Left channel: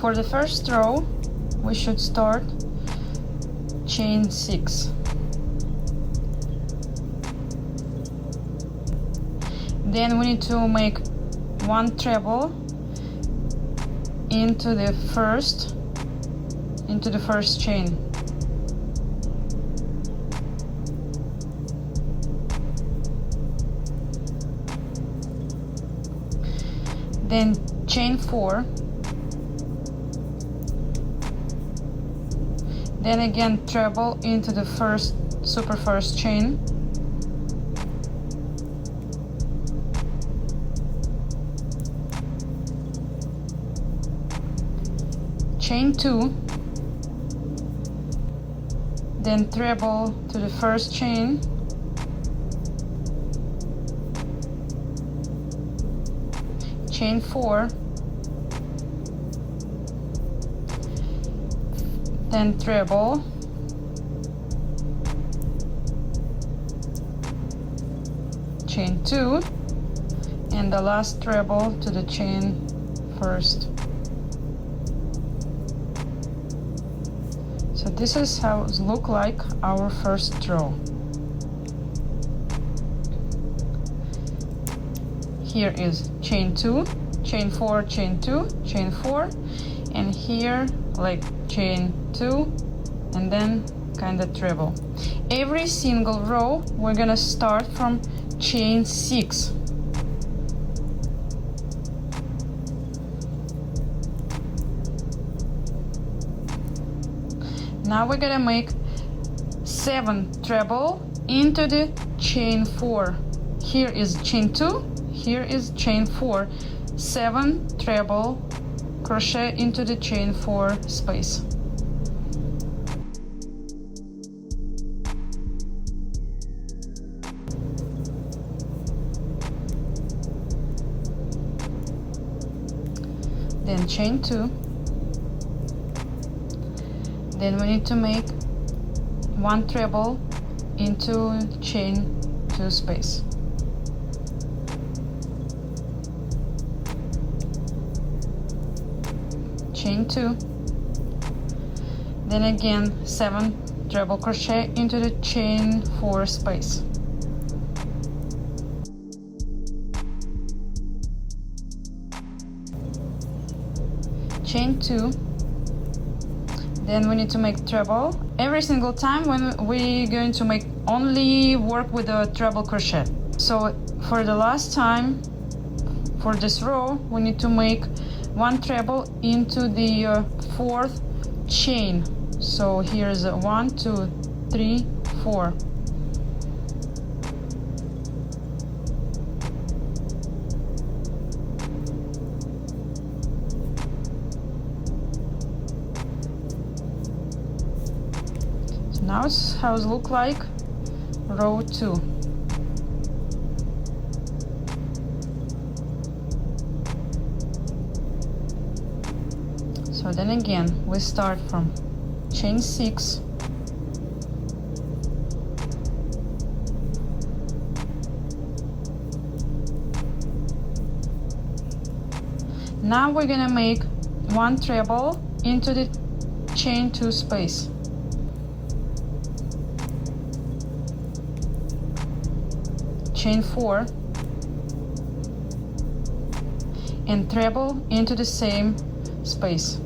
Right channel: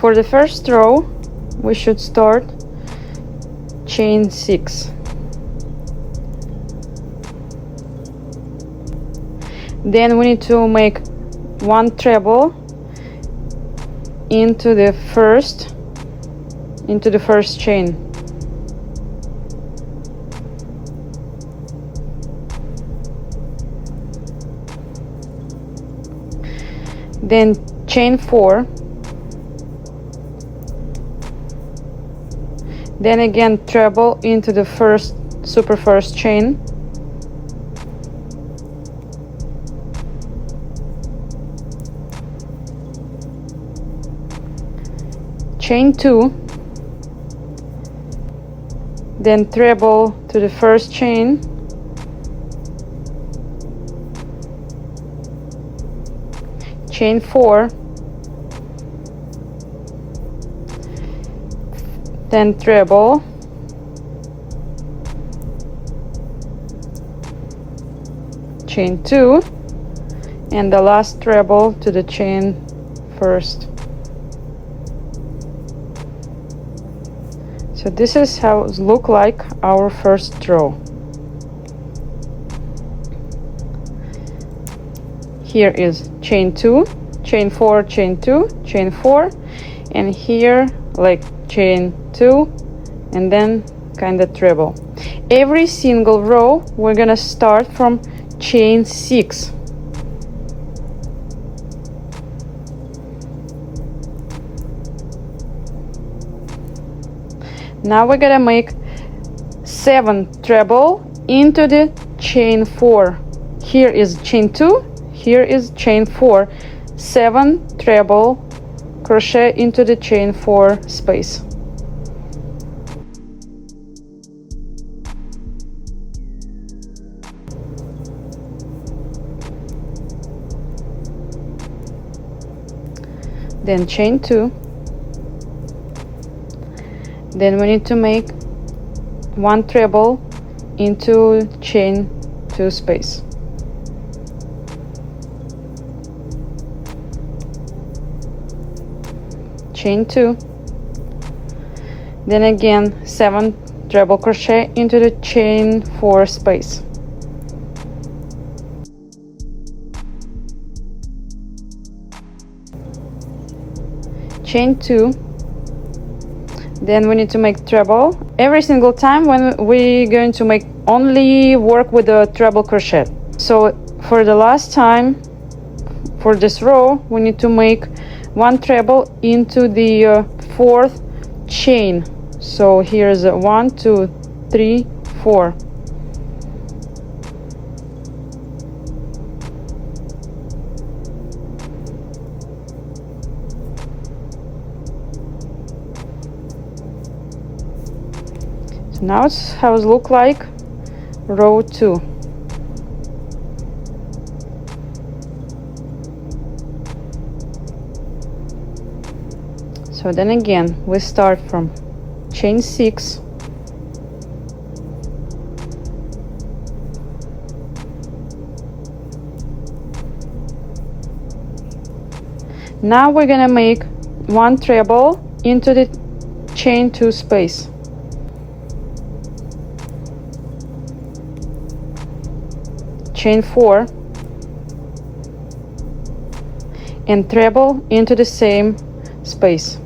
For the first row, we should start chain 6. Then we need to make one treble into the first chain. Then chain 4. Then again treble into the first chain. Chain 2. Then treble to the first chain. Chain 4, then treble, chain 2, and the last treble to the chain first. So this is how it looks like our first row. Here is chain 2, chain 4, chain 2, chain 4, and here like chain 2, and then kind of treble. Every single row we're gonna start from chain 6. Now we're gonna make 7 treble into the chain 4. Here is chain 2. Here is chain 4, 7 treble crochet into the chain 4 space. Then chain 2. Then we need to make 1 treble into chain 2 space. Chain 2, then again 7 treble crochet into the chain 4 space. Chain 2, then we need to make treble every single time when we're going to make only work with the treble crochet. So for the last time for this row we need to make 1 treble into the 4th chain. So here's 1, 2, 3, 4. So now it's how it looks like row 2. So then again we start from chain 6, now we're gonna make 1 treble into the chain 2 space. Chain 4 and treble into the same space.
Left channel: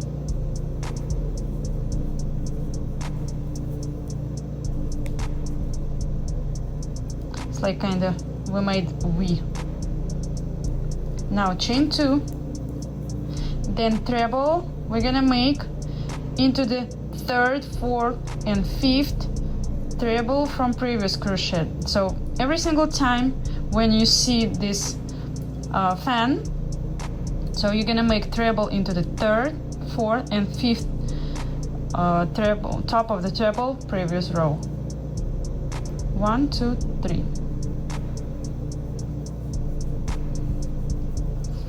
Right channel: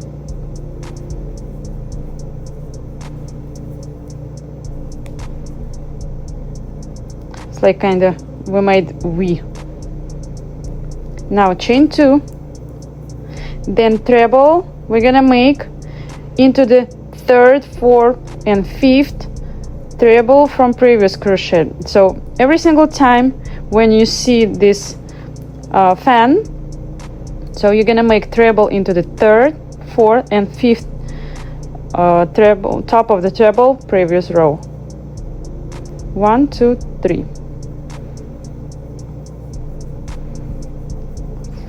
It's like kind of we made V. Now chain 2, then treble we're gonna make into the 3rd, 4th and 5th treble from previous crochet. So every single time when you see this fan, so you're gonna make treble into the 3rd, 4th and 5th treble, top of the treble previous row. 1, 2, 3.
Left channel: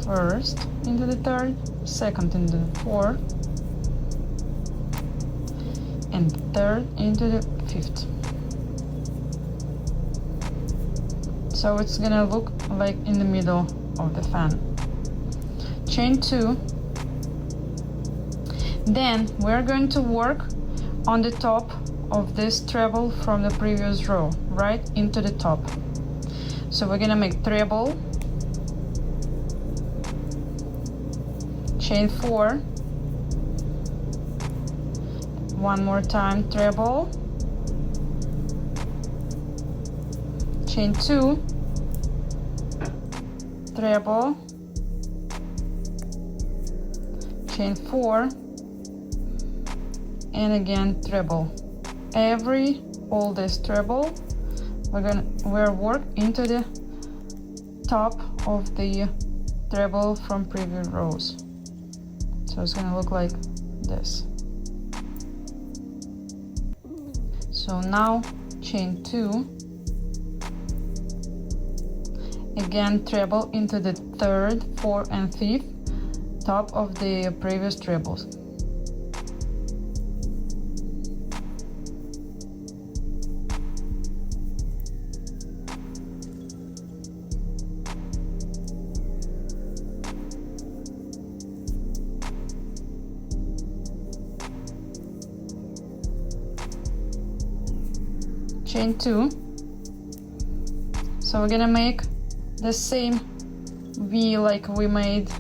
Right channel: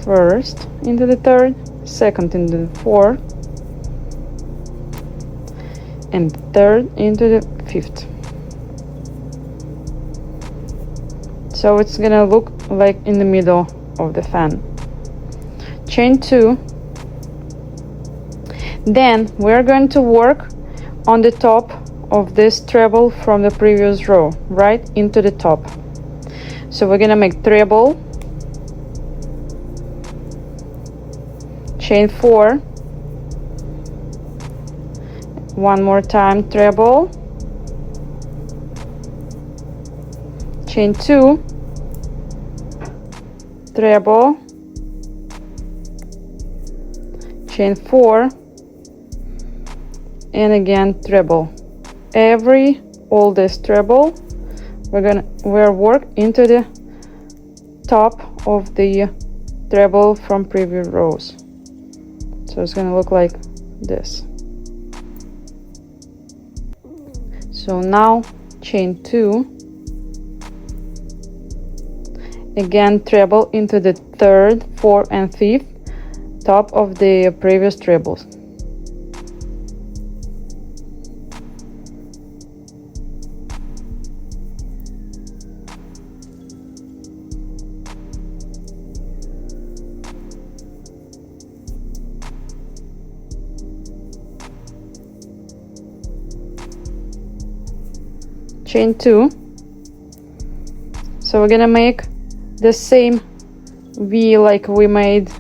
First into the 3rd, 2nd into the 4th, and 3rd into the 5th. So it's gonna look like in the middle of the fan. Chain 2, Then we're going to work on the top of this treble from the previous row, right into the top. So we're gonna make treble, chain 4, one more time, treble, chain 2, treble, chain 4, and again treble. All this treble we're work into the top of the treble from previous rows. So it's gonna look like this. So now chain 2, again treble into the 3rd, 4th, and 5th top of the previous trebles. Chain 2. So we're gonna make the same V like we made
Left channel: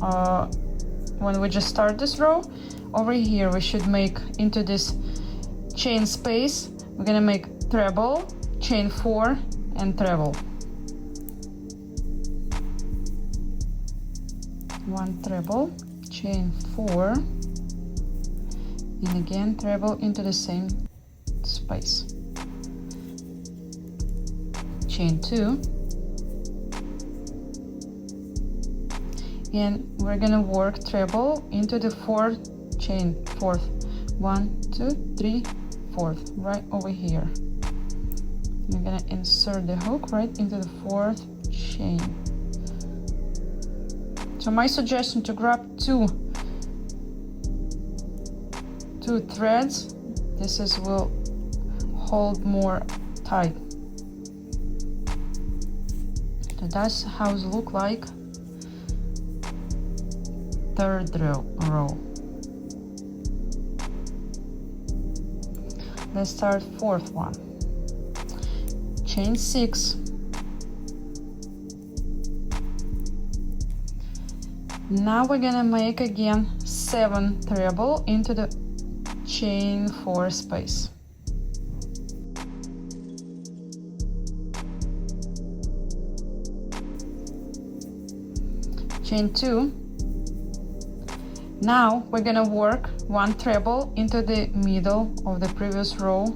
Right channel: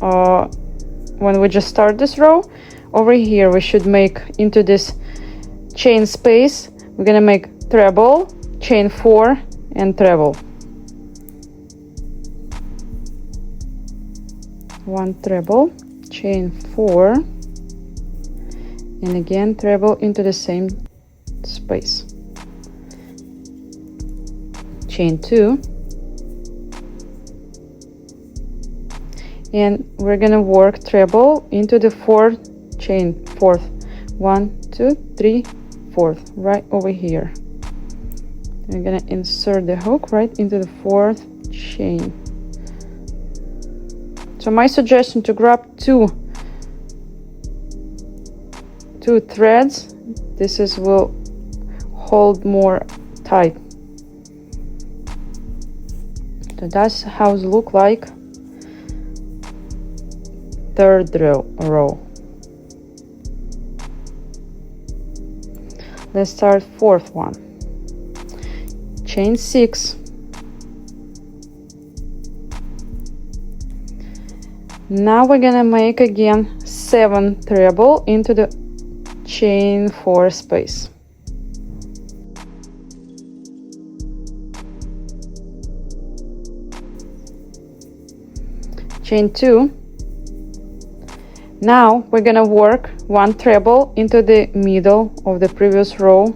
when we just start this row. Over here we should make into this chain space, we're gonna make treble, chain 4, and treble. 1 treble, chain 4, and again treble into the same space. Chain 2, and we're gonna work treble into the 4th chain, 4th, 1, 2, 3, 4th, right over here. We're gonna insert the hook right into the 4th chain. So my suggestion to grab two threads, will hold more tight. So that's how it look like 3rd row. Let's start 4th one. Chain 6. Now we're gonna make again 7 treble into the chain 4 space. Chain 2. Now we're gonna work 1 treble into the middle of the previous row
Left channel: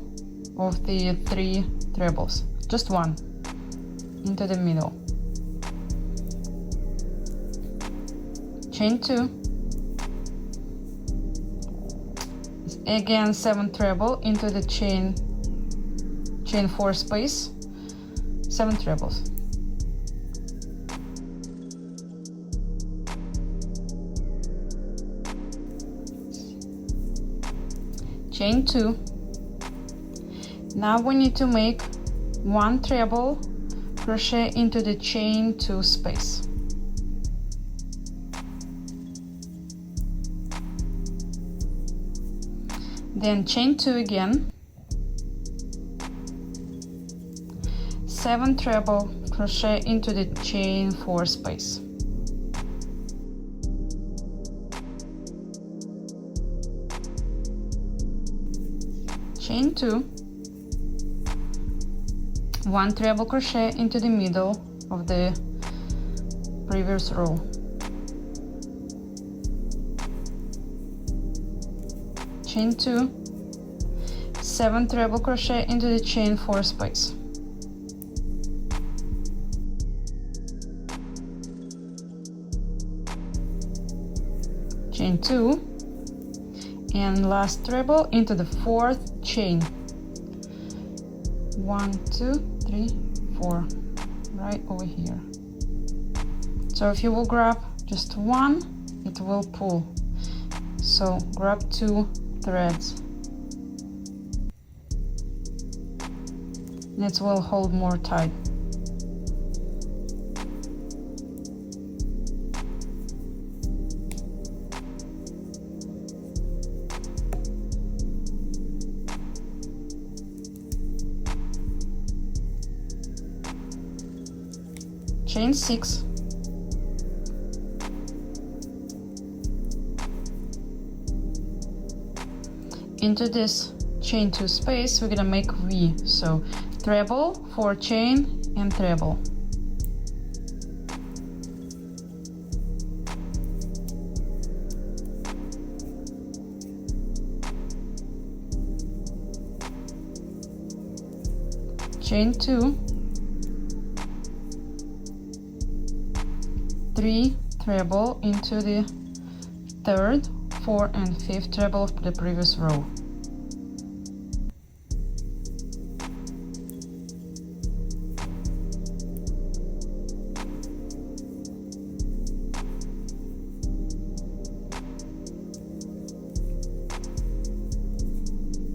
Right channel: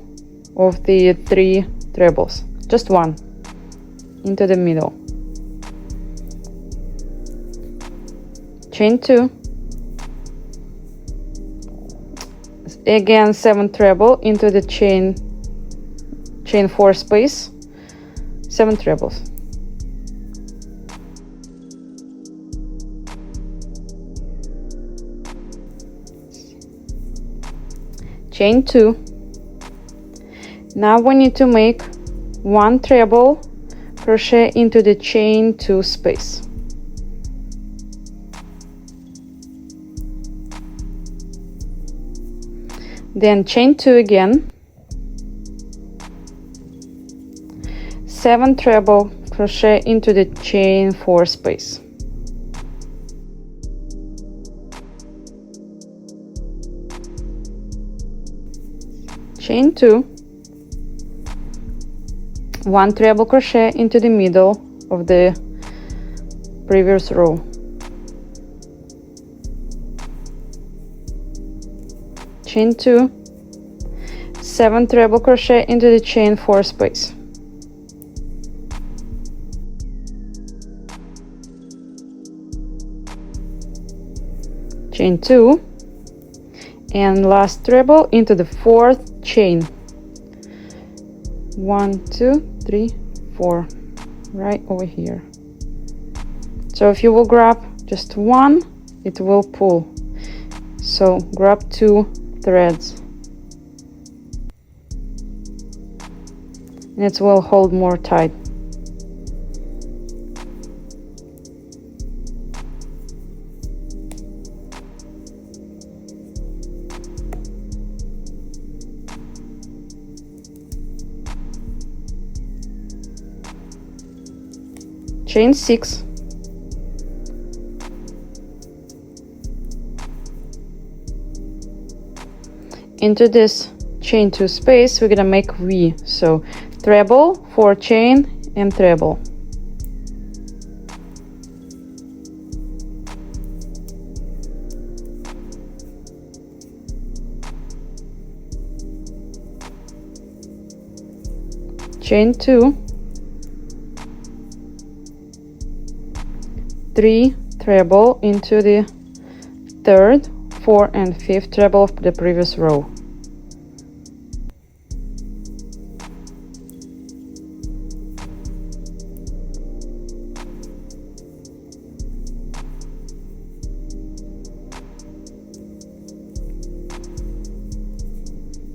of the 3 trebles. Just 1 into the middle. Chain 2. Again 7 treble into the chain 4 space. 7 trebles. Chain 2. Now we need to make 1 treble crochet into the chain 2 space. Then chain 2 again, 7 treble crochet into the chain 4 space. Chain 2, 1 treble crochet into the middle of the previous row. Chain 2, 7 treble crochet into the chain 4 space. Chain 2, and last treble into the 4th chain. 1, 2, 3, 4, right over here. So if you will grab just 1, it will pull. So grab 2 threads, and it will hold more tight. chain 6, into this chain 2 space we're gonna make V. So treble, 4 chain and treble. Chain 2, 3 treble into the third, 4 and 5th treble of the previous row.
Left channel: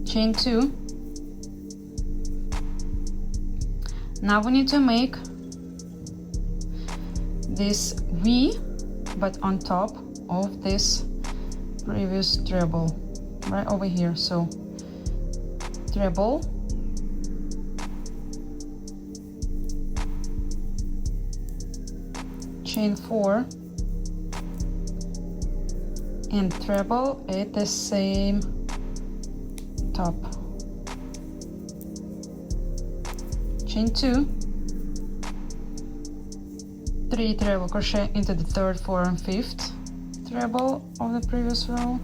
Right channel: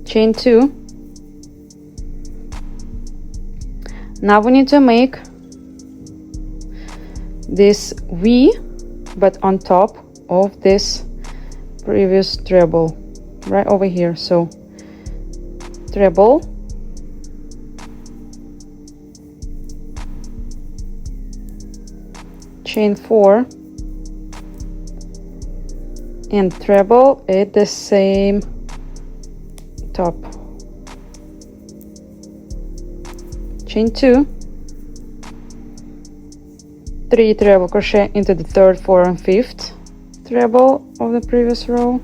Chain 2. Now we need to make this V, but on top of this previous treble, right over here. So treble, chain 4 and treble at the same top. Chain 2, 3 treble crochet into the third, 4 and 5th treble of the previous row.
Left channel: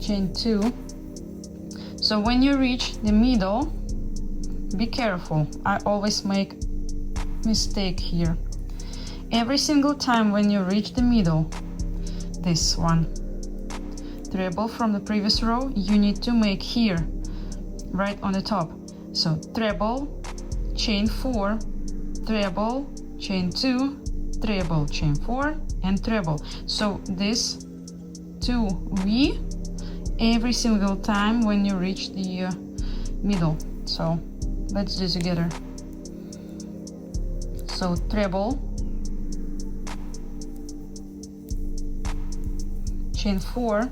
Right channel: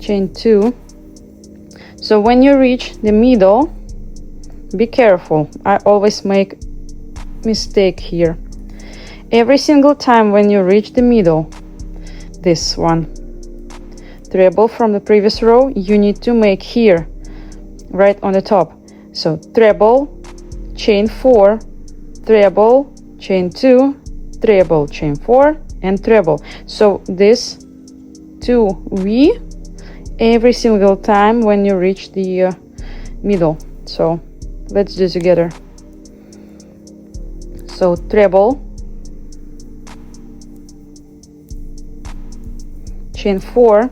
Chain 2. So when you reach the middle, be careful. I always make mistake here. Every single time when you reach the middle, this one, treble from the previous row, you need to make here, right on the top. So treble, chain 4, treble, chain 2, treble, chain 4 and treble. So this 2V every single time when you reach the middle. So let's do it together. So treble, chain 4,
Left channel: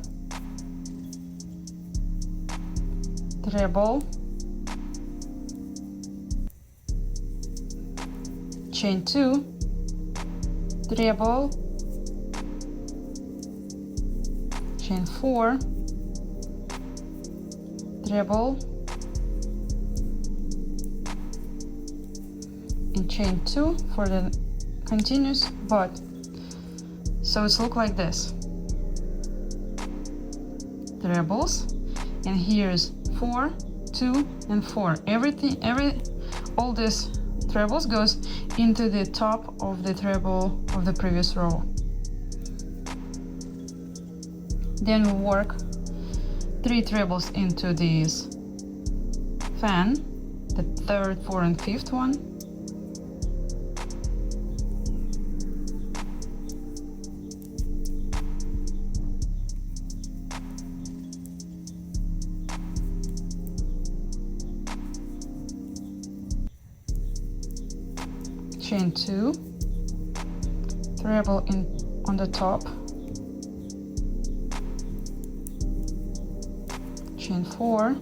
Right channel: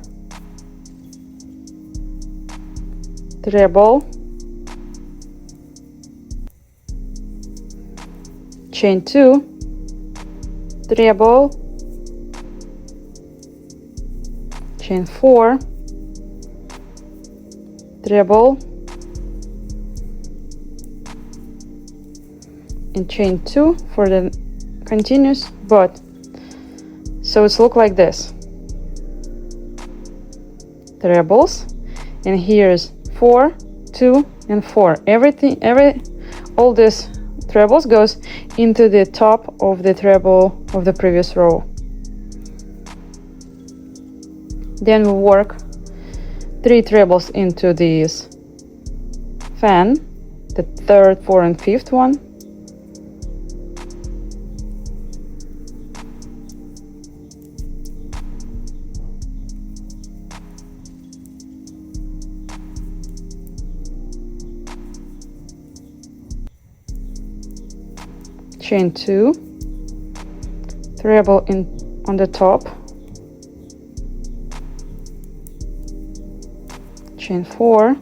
treble, chain 2, treble, chain 4, treble, and chain 2 for the continuous, but so it's look like this, trebles, and here's 4, 2 and 4. All this trebles goes into the top of the treble of the previous row. Then we work 3 trebles into this fan, the third, 4 and 5th one. Chain 2, treble in on the top, chain 4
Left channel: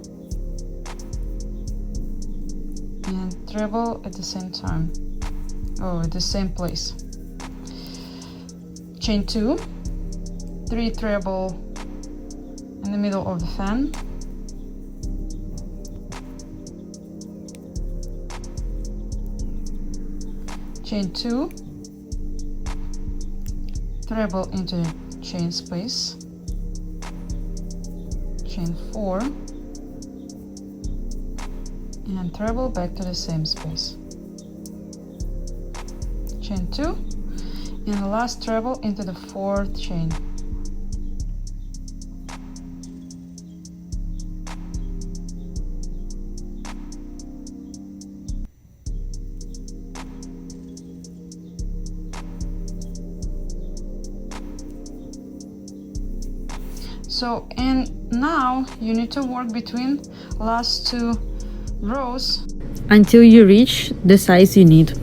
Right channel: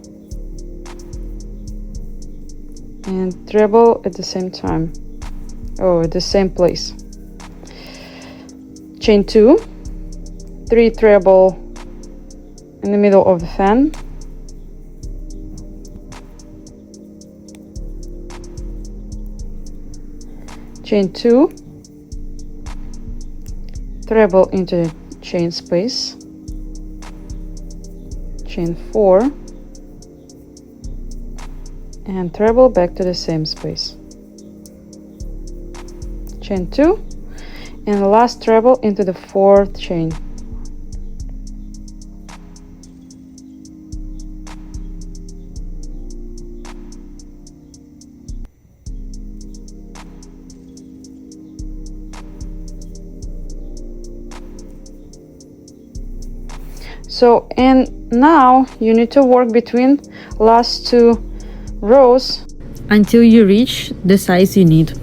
and treble at the same time, at the same place. Chain 2, 3 treble in the middle of the fan, chain 2, treble into chain space, chain 4 and treble back to the same space, chain 2 and the last treble into the 4th chain. So, and now you need to work between last 2 rows until you reach the size you need.